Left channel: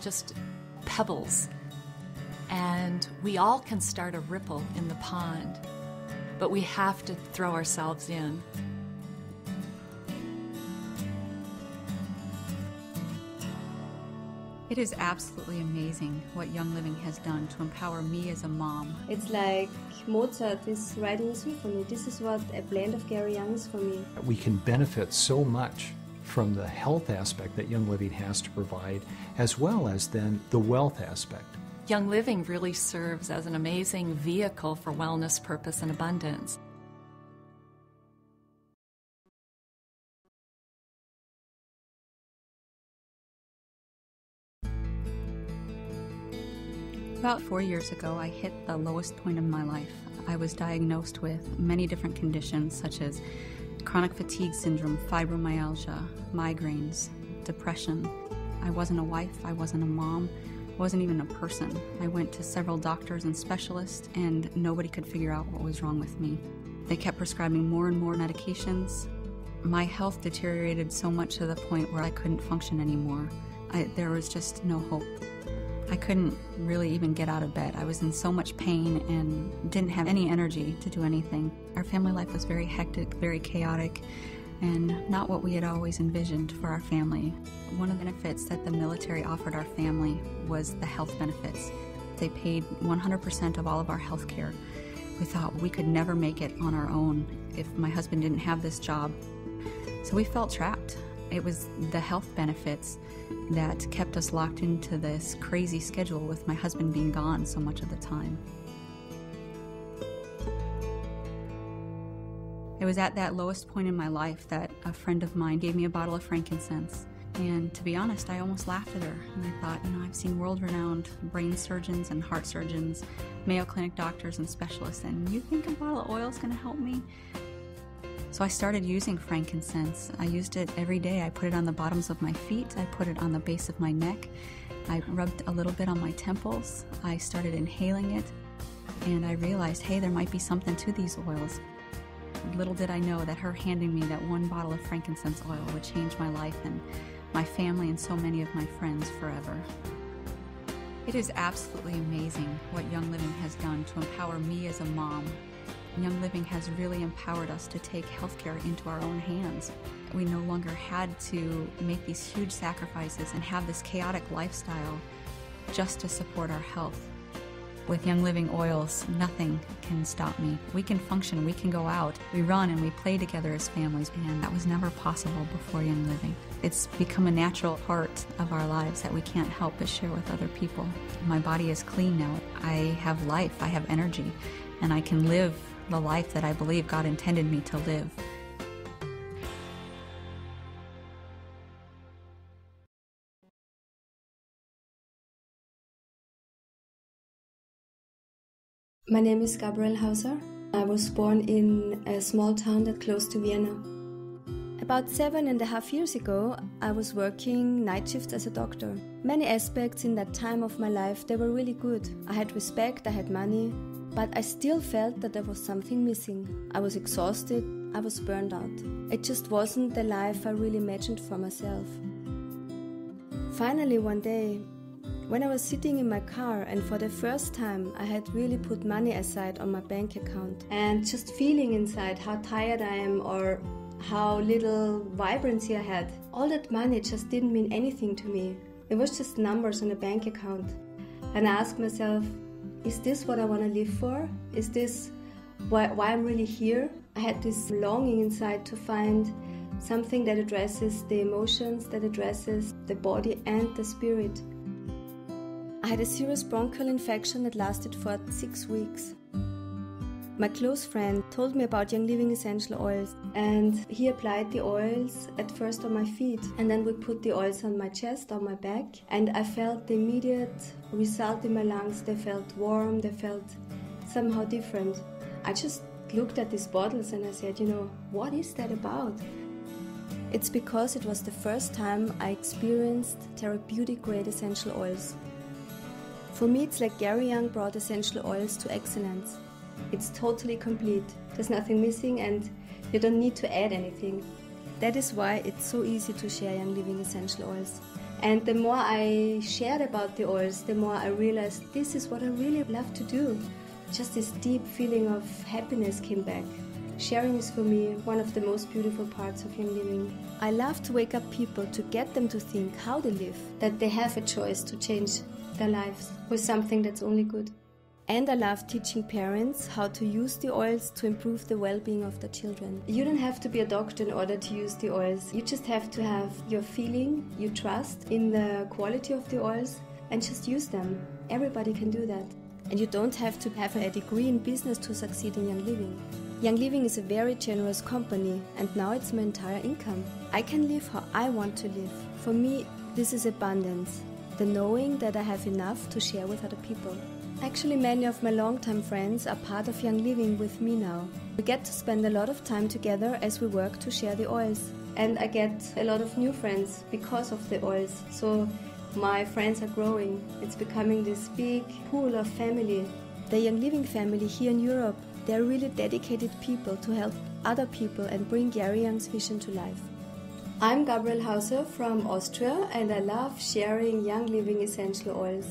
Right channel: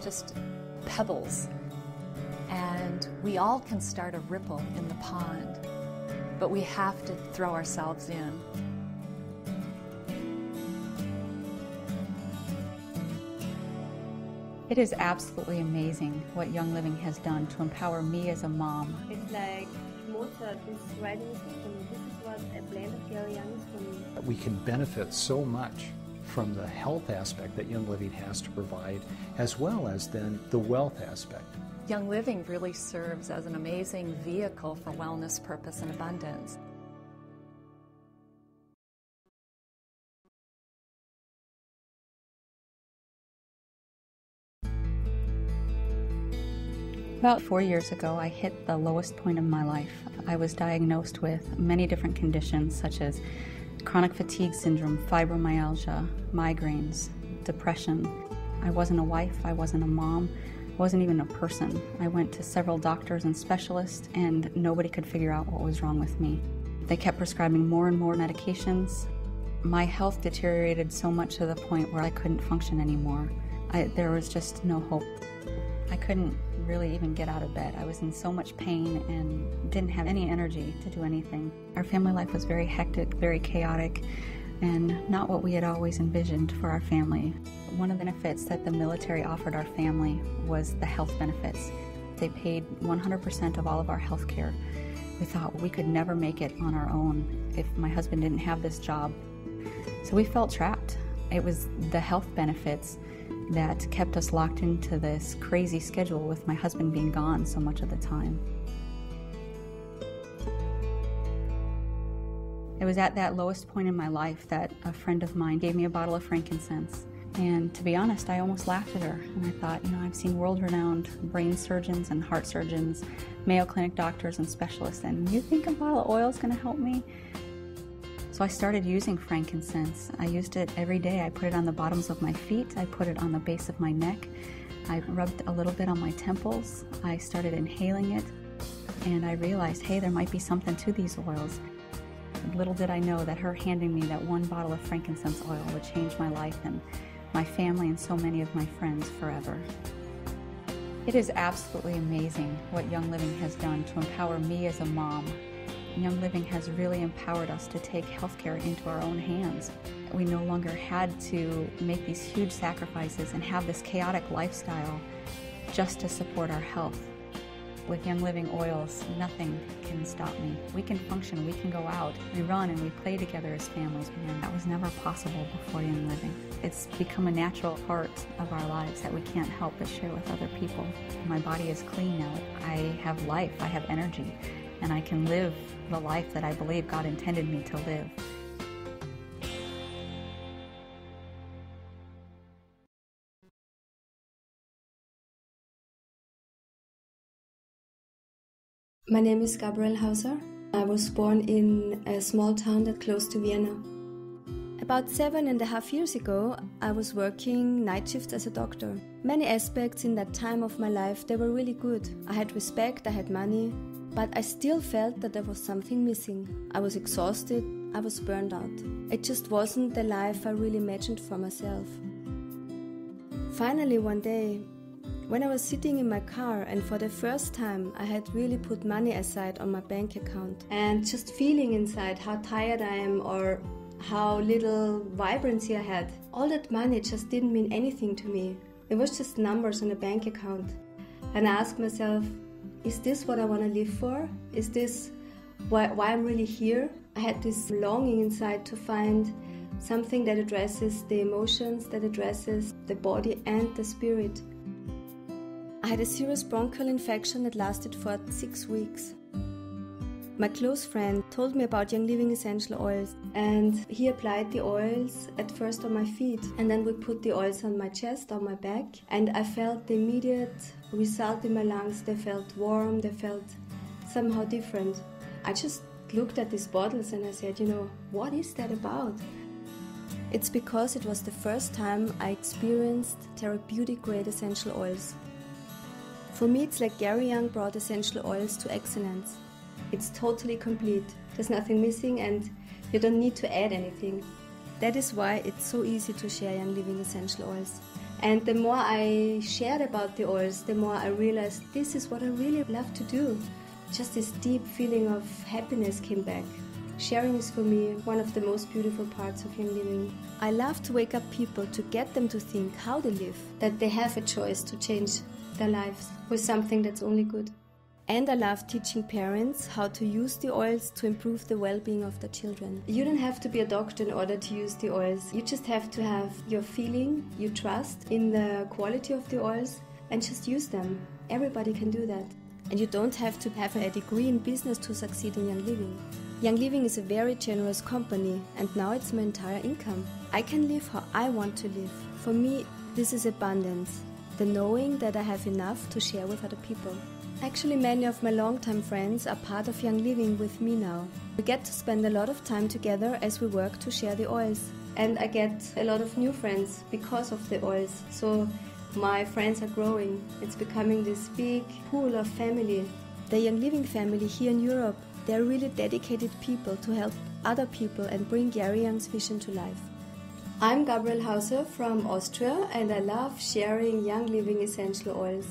just pebbles. And we all can start a ripple in the pond, but we have to throw ourselves in. It is absolutely amazing what Young Living has done to empower me as a mom. It's like Mozart is writing a symphony. This is what a blend of Gary Young is for me. We can benefit so much from the health aspect that Young Living has to provide, as well as then the wealth aspect. Young Living really serves as an amazing vehicle for wellness, purpose, and abundance. About 4 years ago, I hit the lowest point in my life. I was diagnosed with many different conditions such as chronic fatigue syndrome, fibromyalgia, migraines, depression. I wasn't a wife, I wasn't a mom, I wasn't even a person. I went to several doctors and specialists and nobody could figure out what was wrong with me. They kept prescribing more and more medications. My health deteriorated so much to the point where I couldn't function anymore. There was just no hope. I couldn't really even get out of bed. I was in so much pain and didn't have any energy to do anything. Our family life was very hectic, very chaotic, and not what we had always envisioned for our family. One of the benefits that the military offered our family was the health benefits. They paid 100% of all of our health care. We thought we could never make it on our own if my husband didn't have this job. So we felt trapped. It was the health benefits that kept us locked into this crazy schedule with my husband being gone so much of the time. It was at that lowest point in my life that a friend of mine gave me a bottle of frankincense. And to be honest, I almost laughed at her. And I thought, I've seen world-renowned brain surgeons and heart surgeons, Mayo Clinic doctors and specialists, and you think a bottle of oil is going to help me? So I started using frankincense. I used it every day. I put it on the bottoms of my feet. I put it on the base of my neck. I rubbed a little bit on my temples. I started inhaling it. And I realized, hey, there might be something to these oils. Little did I know that her handing me that one bottle of frankincense oil would change my life and my family and so many of my friends forever. It is absolutely amazing what Young Living has done to empower me as a mom. Young Living has really empowered us to take healthcare into our own hands. We no longer had to make these huge sacrifices and have this chaotic lifestyle just to support our health. With Young Living oils, nothing can stop me. We can function, we can go out, we run and we play together as families, and that was never possible before Young Living. It's become a natural part of our lives that we can't help but share with other people. My body is clean now. I have life, I have energy, and I can live the life that I believe God intended me to live. My name is Gabrielle Hauser. I was born in a small town that's close to Vienna. About 7.5 years ago, I was working night shifts as a doctor. Many aspects in that time of my life, they were really good. I had respect, I had money, but I still felt that there was something missing. I was exhausted, I was burned out. It just wasn't the life I really imagined for myself. Finally, one day, when I was sitting in my car and for the first time I had really put money aside on my bank account and just feeling inside how tired I am or how little vibrancy I had. All that money just didn't mean anything to me. It was just numbers on a bank account. And I asked myself, is this what I want to live for? Is this why I'm really here? I had this longing inside to find something that addresses the emotions, that addresses the body and the spirit. I had a serious bronchial infection that lasted for 6 weeks. My close friend told me about Young Living essential oils, and he applied the oils at first on my feet, and then we put the oils on my chest, on my back, and I felt the immediate result in my lungs. They felt warm, they felt somehow different. I just looked at these bottles and I said, what is that about? It's because it was the first time I experienced therapeutic grade essential oils. For me, it's like Gary Young brought essential oils to excellence. It's totally complete. There's nothing missing and you don't need to add anything. That is why it's so easy to share Young Living essential oils. And the more I shared about the oils, the more I realized this is what I really love to do. Just this deep feeling of happiness came back. Sharing is for me one of the most beautiful parts of Young Living. I love to wake up people to get them to think how they live, that they have a choice to change their lives with something that's only good. And I love teaching parents how to use the oils to improve the well-being of their children. You don't have to be a doctor in order to use the oils. You just have to have your feeling, you trust in the quality of the oils, and just use them. Everybody can do that. And you don't have to have a degree in business to succeed in Young Living. Young Living is a very generous company, and now it's my entire income. I can live how I want to live. For me, this is abundance. The knowing that I have enough to share with other people. Actually, many of my longtime friends are part of Young Living with me now. We get to spend a lot of time together as we work to share the oils. And I get a lot of new friends because of the oils. So my friends are growing. It's becoming this big pool of family. The Young Living family here in Europe, they're really dedicated people to help other people and bring Gary Young's vision to life. I'm Gabriel Hauser from Austria, and I love sharing Young Living essential oils.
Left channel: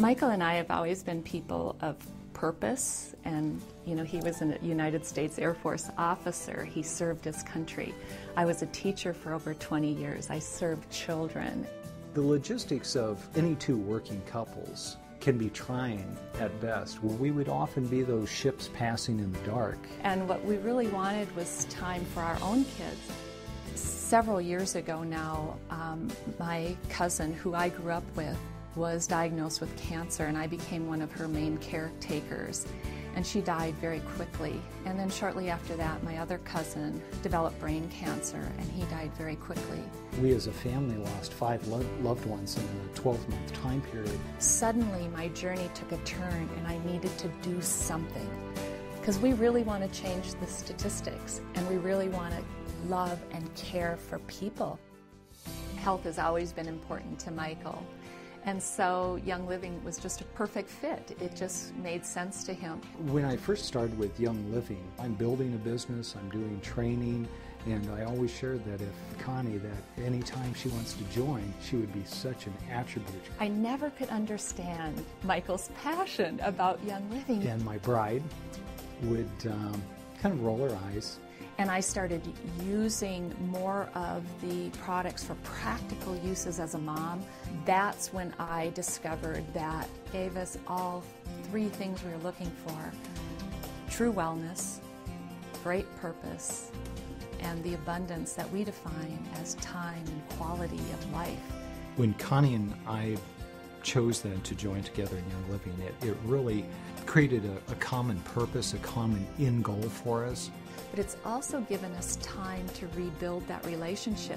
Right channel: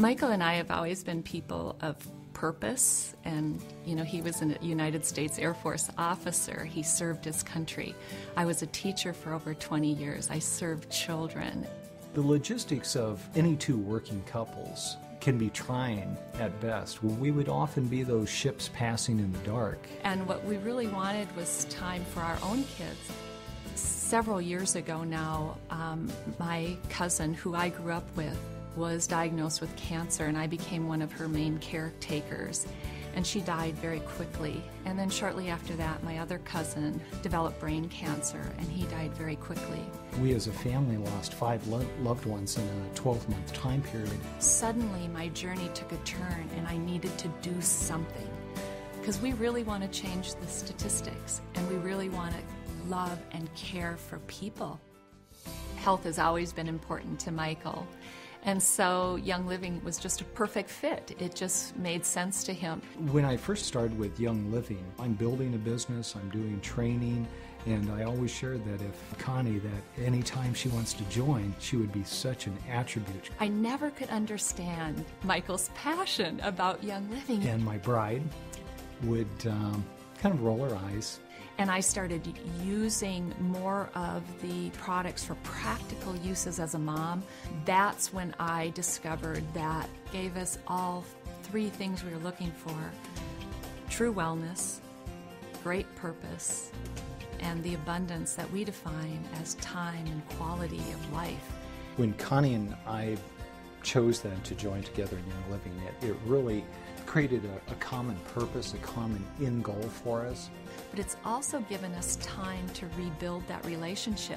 Michael and I have always been people of purpose, and he was a United States Air Force officer. He served his country. I was a teacher for over 20 years. I served children. The logistics of any two working couples can be trying at best. We would often be those ships passing in the dark. And what we really wanted was time for our own kids. Several years ago now, my cousin, who I grew up with, was diagnosed with cancer, and I became one of her main caretakers. And she died very quickly. And then shortly after that, my other cousin developed brain cancer, and he died very quickly. We as a family lost 5 loved ones in a 12-month time period. Suddenly, my journey took a turn, and I needed to do something. Because we really want to change the statistics, and we really want to love and care for people. Health has always been important to Michael. And so Young Living was just a perfect fit. It just made sense to him. When I first started with Young Living, I'm building a business, I'm doing training, and I always shared that if Connie, that anytime she wants to join, she would be such an attribute. I never could understand Michael's passion about Young Living. And my bride would kind of roll her eyes. And I started using more of the products for practical uses as a mom. That's when I discovered that gave us all 3 things we were looking for: true wellness, great purpose, and the abundance that we define as time and quality of life. When Connie and I chose then to join together in Young Living, it really created a common purpose, a common end goal for us. But it's also given us time to rebuild that relationship.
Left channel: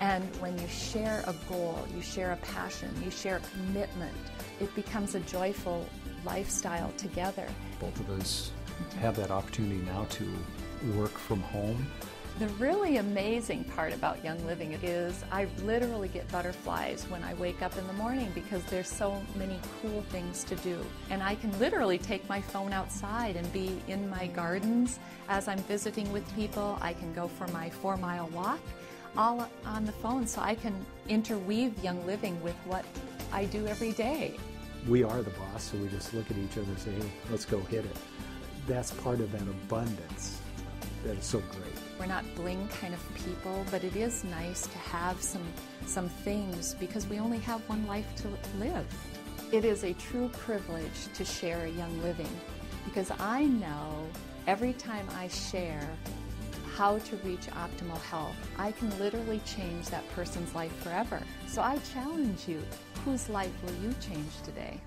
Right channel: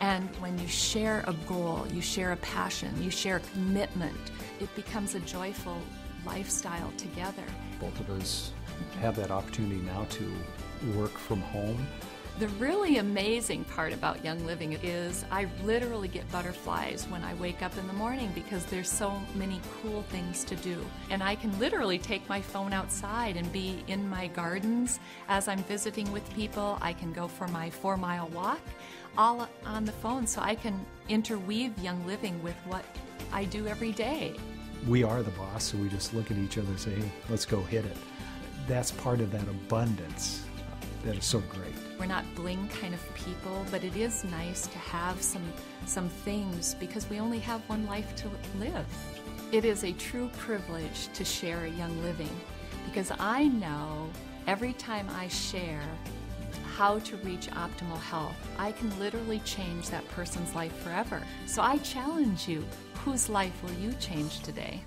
And when you share a goal, you share a passion, you share a commitment, it becomes a joyful lifestyle together. Both of us have that opportunity now to work from home. The really amazing part about Young Living is I literally get butterflies when I wake up in the morning because there's so many cool things to do. And I can literally take my phone outside and be in my gardens as I'm visiting with people. I can go for my 4-mile walk all on the phone, so I can interweave Young Living with what I do every day. We are the boss, so we just look at each other and say, hey, let's go hit it. That's part of that abundance that is so great. We're not bling kind of people, but it is nice to have some things because we only have one life to live. It is a true privilege to share Young Living because I know every time I share how to reach optimal health, I can literally change that person's life forever. So I challenge you, whose life will you change today?